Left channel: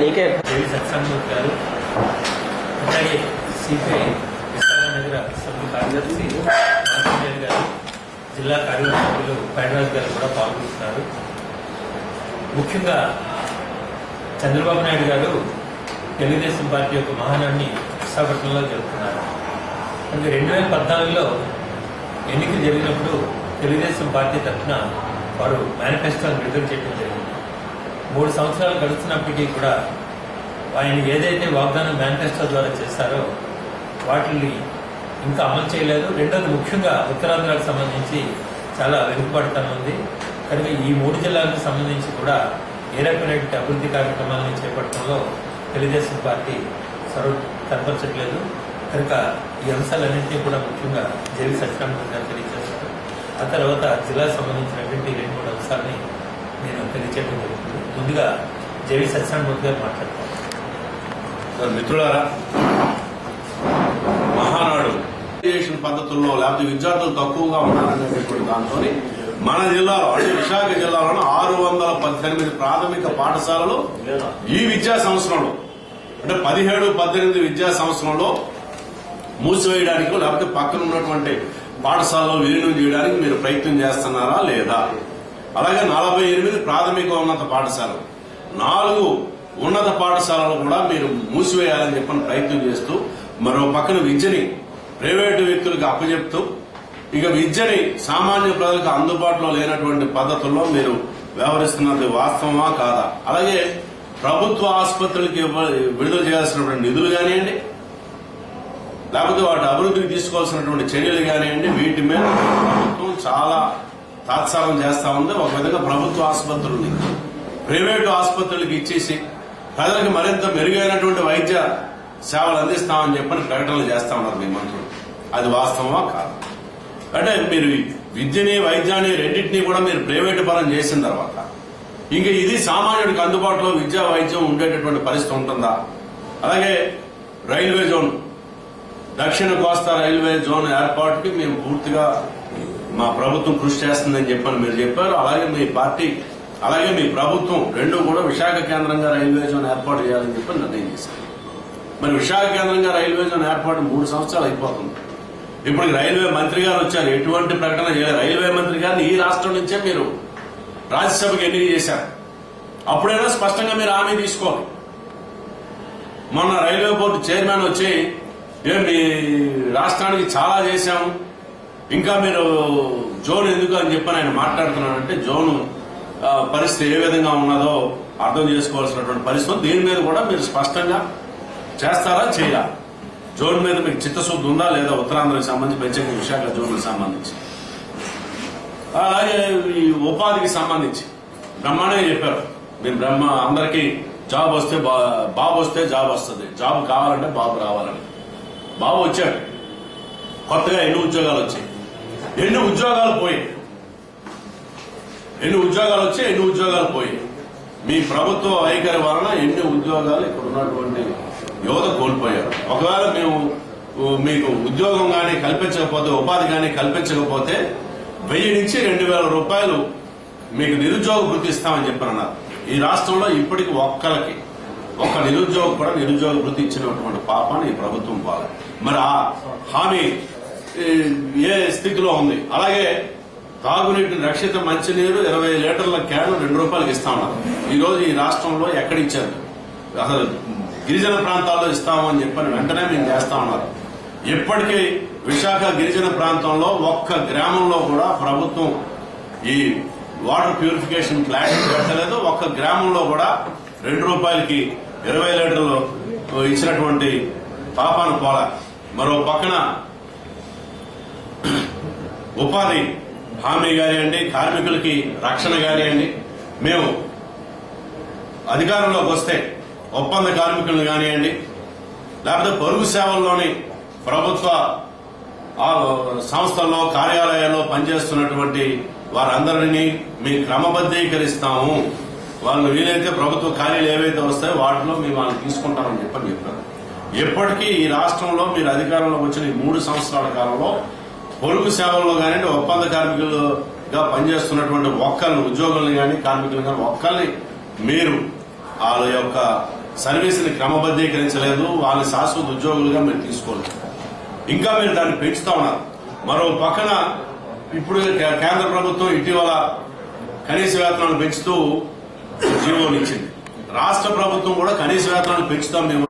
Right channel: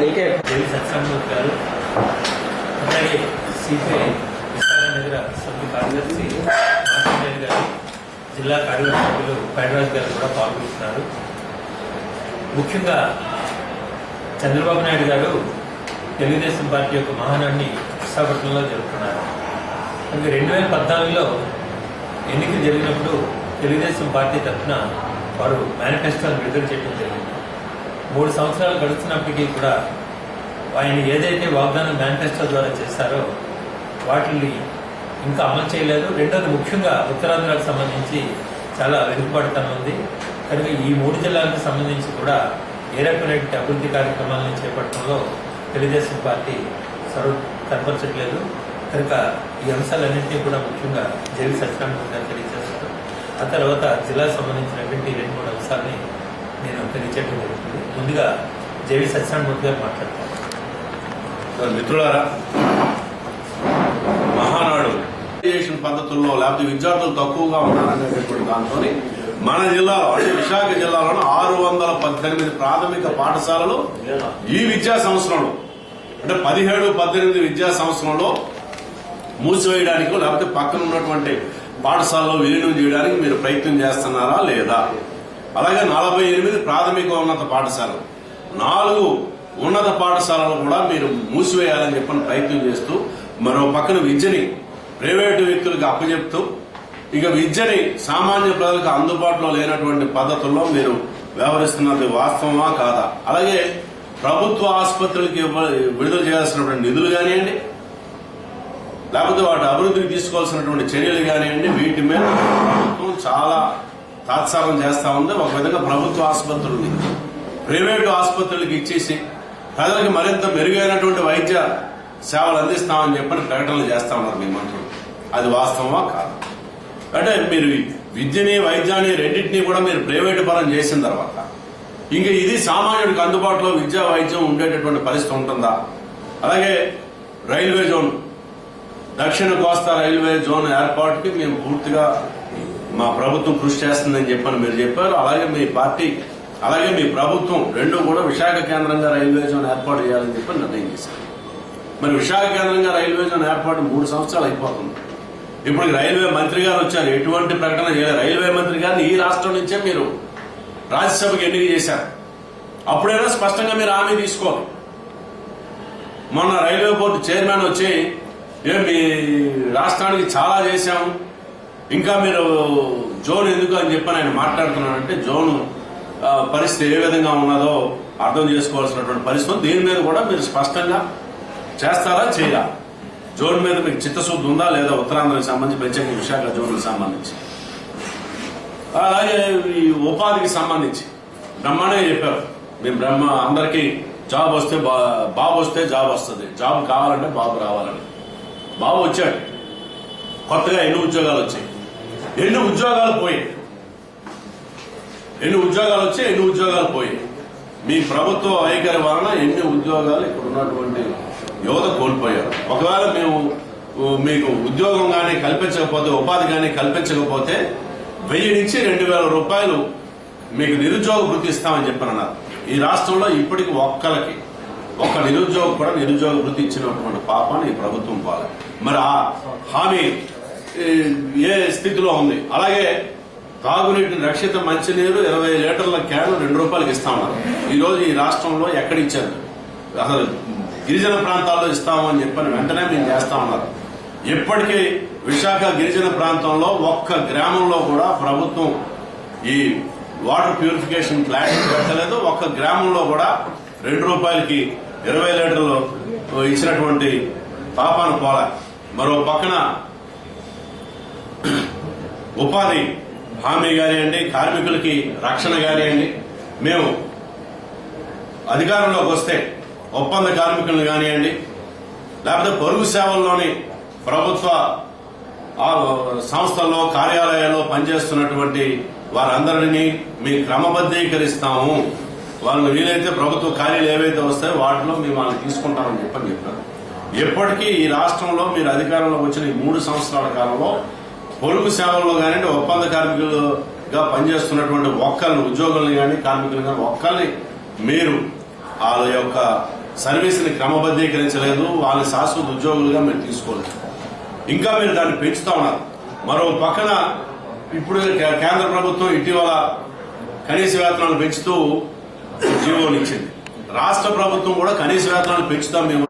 నీకే సత్సంగమూర్తి గారు, అలాగే సిపిఐ విశాఖనగర సభ్యుల కార్యదర్శి మాసిరెడ్డి గారు, జిల్లా కార్యవర్గ సభ్యులు పైడరాజు గారు కూడా పాల్గొంటున్నారు. ముఖ్యంగా చంద్రబాబు నాయుడు గారు తెలుగుదేశం పార్టీ యొక్క మహానాన్ని విశాఖపట్నంలో జరుపుతున్నారు. అందుకే 2014లో ఎన్నికలు జరిగినప్పుడు తెలుగుదేశం పార్టీ తరఫున వారు మేనిఫెస్టోను విడుదల చేయడం జరిగింది. 3 సంవత్సరాలు గడుస్తున్నప్పటికీ కూడా ఆయన ఏదైతే వాగ్దానం మేనిఫెస్టో ద్వారా చేశారో వాటిని ఇంకా అమలు చేయలేదు. రెండోది ముఖ్యంగా ఉత్తరాంధ్రకు సంబంధించి చాలా వెనుకబడతనం ఉంది. కనుక ఈ 3 జిల్లాలకు సంబంధించి కూడా ఏ రకమైన అభివృద్ధి కార్యక్రమాలను చేపట్టడంలో తెలుగుదేశం పార్టీ సర్వ కనపరచట్లేదు. కనుక ఈ అంశాలన్నింటినీ కూడా ముఖ్యంగా జేవి సత్యనారాయణ గారు తెలియజేస్తారు. ఆ తర్వాత జిల్లాకు సంబంధించినటువంటి 2-3 అంశాలని నేను తెలియజేయడం జరుగుతుంది. ముందుగా జేవి సత్యనారాయణ గారు మాట్లాడతారు. మిత్రులారా, మహానాడు పద్ధతుల్లో లేకపోతే విద్యార్థులు తక్కువగా ఉన్నారనేటువంటి దాంతో మన జిల్లాలో అంటే విశాఖ జిల్లాలోని 618 ప్రాథమిక పాఠశాలలు ఈ విద్యా సంవత్సరంలో అంటే 17-18 విద్యా సంవత్సరంలో మూసివేయడానికి లేకపోతే పక్కన ఉన్నటువంటి పాఠశాలలో విలీనం చేయడానికి మీరు ప్రయత్నం చేస్తున్నారా లేదా? అలాగే 48 ప్రాథమిక ఉన్నత పాఠశాలలు, 4 ఉన్నత పాఠశాలలు కూడా మీరు మూసివేయాలని చెప్పని ప్రయత్నం చేస్తూ మరో పక్కన విద్యని ప్రైవేటు వ్యక్తులకు అప్పచెప్తూ ఇక విద్యని సామాన్య ప్రజలకు అందుబాటులో లేనటువంటి పద్ధతుల్లో మీరు వ్యవహరిస్తున్నది వాస్తవమా కాదా? అలాగే ప్రభుత్వ ఆసుపత్రులకి విడుదల చేయాల్సినటువంటి నిధులు కానివ్వండి, లేకపోతే వాటి అభివృద్ధికి తీసుకోవాల్సినటువంటి చర్యలు కానివ్వండి, వీటి మీద ప్రభుత్వం చాలా తాత్సారం చేస్తా ఉంది. ఒక విధంగా ప్రభుత్వ ఆసుపత్రుల్ని ప్రైవేటు ఆసుపత్రులకు ఇచ్చేసి ప్రజలకు మరింత మెరుగైనటువంటి వైద్య సేవలు అందిస్తామని చెప్పని ప్రకటనలు చేస్తా ఉన్నారు మీ మంత్రులు. అది వాస్తవమా కాదు? అంటే మీరు విద్యని వైద్యాన్ని రెండింటినీ కూడా మీరు ప్రైవేటు పరం చేసిన తర్వాత ఇంకా ఇది సామాన్యుడికి అందుబాటులో విద్యా వైద్యం ఉండేటటువంటి పరిస్థితి ఉంటుందా? అలాగే రైల్వే జోన్, దక్షిణ కోస్తా రైల్వే జోన్ ఏర్పాటుకి మేము పూర్తిగా మా ప్రభుత్వం కృషి చేస్తుందని చెప్పని మీరు చెప్పారు. అలాగే మీ పార్టీ అలాగే మీ ప్రభుత్వం రెండు కూడా విశాఖ కేంద్రంగా రైల్వే జోన్ ఏర్పాటు చేయాలని చెప్పి నిర్ణయం చేశారు. మరి విశాఖ కేంద్రంగా రైల్వే జోన్ ఏర్పాటు 3 సంవత్సరాలు అయిపోతుంది. ఇప్పుడు రైల్వే మంత్రి గారు వచ్చారు, ఎటువంటి ప్రకటన చేయలేదు. రైల్వే మంత్రి గారిని ఈ రాష్ట్రం నుంచే మీరు రాజ్యసభకు ఎన్నిక చేశారు. అప్పుడైనా స్పష్టంగా మీరు హామీ తీసుకోవాలి. మొన్న రైల్వే బోర్డు చైర్మన్ వచ్చి మీ రాష్ట్రానికి చాలా చేశాము, ఇంకా మీరు జోన్ ఎందుకు అని చెప్పని ఆయన మాట్లాడుతున్నాడంటే జోన్ పరిస్థితి ఏ విధంగా ఉన్నదో అర్థం చేసుకోవాల్సినటువంటి పరిస్థితి. దీని మీద కూడా మీరు స్పష్టంగా చేస్తారా చేయరా? జోన్ మీద మీకు చిత్తశుద్ధి ఉందా లేదా? ఉత్తరాంధ్రకు సంబంధించి ప్రత్యేక విశాఖ జోన్లకు సంబంధించి అలాగే ఈ ఉపాధికి సంబంధించి బ్రహ్మాండంగా చెప్పారు. మేము అందరికీ జాబ్ వస్తే బాబు వస్తే జాబ్ వస్తుంది, జాబ్ కావాలంటే బాబు రావాలని. బాబు వచ్చాడు, కొత్తగా ఎన్ని ఉద్యోగాలు వచ్చాయి, ఎన్ని ఉద్యోగాలు పోయాయి, ఎన్ని ఉద్యోగాలు వచ్చాయి, ఎన్ని ఉద్యోగాలు పోయాయి. మీ ప్రభుత్వ వైఖరి వలన ఎన్ని ఉద్యోగాలు ఇక్కడ ఉన్నటువంటి యువత కోల్పోయారు. ఒకవేళ మేము మీకు ఉద్యోగం కానీ కల్పించకపోతే, ఉపాధి కానీ కల్పించకపోతే 1000 నుంచి 2000 రూపాయలు మీకు నిరుద్యోగ వృత్తి ఇస్తామని చెప్పన్నారు. ఈ రాష్ట్రంలో ఇప్పటికి ఒక్క నిరుద్యోగం కూడా నిరుద్యోగ వృత్తి ఇచ్చినటువంటి పాపాన్ని ఈ ప్రభుత్వం పాలే. మరి ఆ హామీ ఏ స్థితిలో ఉంది? అలాగే తాగునీటిని రక్షిత మంచినీరు 20 లీటర్ల క్యాన్ 2 రూపాయలకి ఇస్తా ఉన్నారు. ఈ రోజు ఈ రాష్ట్రంలో ఎక్కడిచ్చారు? అసలు గిరిజన ప్రాంతాల్లో ఇస్తామని చెప్పని వెంటనే మేము చేస్తా ఉన్నారు. ఇప్పటికీ విశాఖ గిరిజన ప్రాంతంలో ఒక్క గ్రామంలో కూడా ప్రభుత్వం ఈ వాటర్ ప్యూరిఫికేషన్ ప్లాంట్ పెట్టలేదు. ఒక్క గ్రామంలో కూడా 2 రూపాయలకి 20 లీటర్లు ఇచ్చినటువంటి పాపాను పోలా. మరో పక్కన ఉపాధి హామీ కానివ్వండి, కార్మికులకి రక్షణ కానివ్వండి, మేము అధికారంలోకి వస్తే ఒప్పంద కార్మికులను కానివ్వండి, లేకపోతే పొరుగు సేవల్లోని ప్రభుత్వ సంస్థల్లో కార్యాలయాల్లో పనిచేస్తున్నటువంటి వారందరినీ మేము క్రమబద్దీకరిస్తాము. వాళ్ళు వీలైతే ప్రభుత్వ కార్యాలు ఏవైతే వస్తాయో వాటిలో మేము వాళ్ళని తీసుకుంటామని చెప్పారు. ఎప్పటికీ ఈ రాష్ట్రంలో మీరు అధికారంలోకి వచ్చిన ఈ 3 సంవత్సరాల కాలంలో పొరుగు సేవల్లో కానివ్వండి, ఒప్పంద కార్మికులుగా పనిచేస్తున్నటువంటి ఒక్కరిని, ఉద్యోగులను కానీ కార్మికులు కానీ ఒక్కరిని మీరు వాళ్ళ యొక్క సర్వీస్ని క్రమబద్ధీకరించలేదు, వాళ్ళని శాశ్వత ఉద్యోగులుగా మీరు తీసుకోలేదు. ఇంకా మీరు దాన్ని పెంచుతా ఉన్నారు. మరో పక్కన ఇప్పుడు కేంద్ర ప్రభుత్వం ఇటీవల కనీస వేతనాలు పెంచుతూ జీవోనిచ్చింది. రాష్ట్ర ప్రభుత్వం కూడా కనీస వేతనాలు పెంచుతాం మేము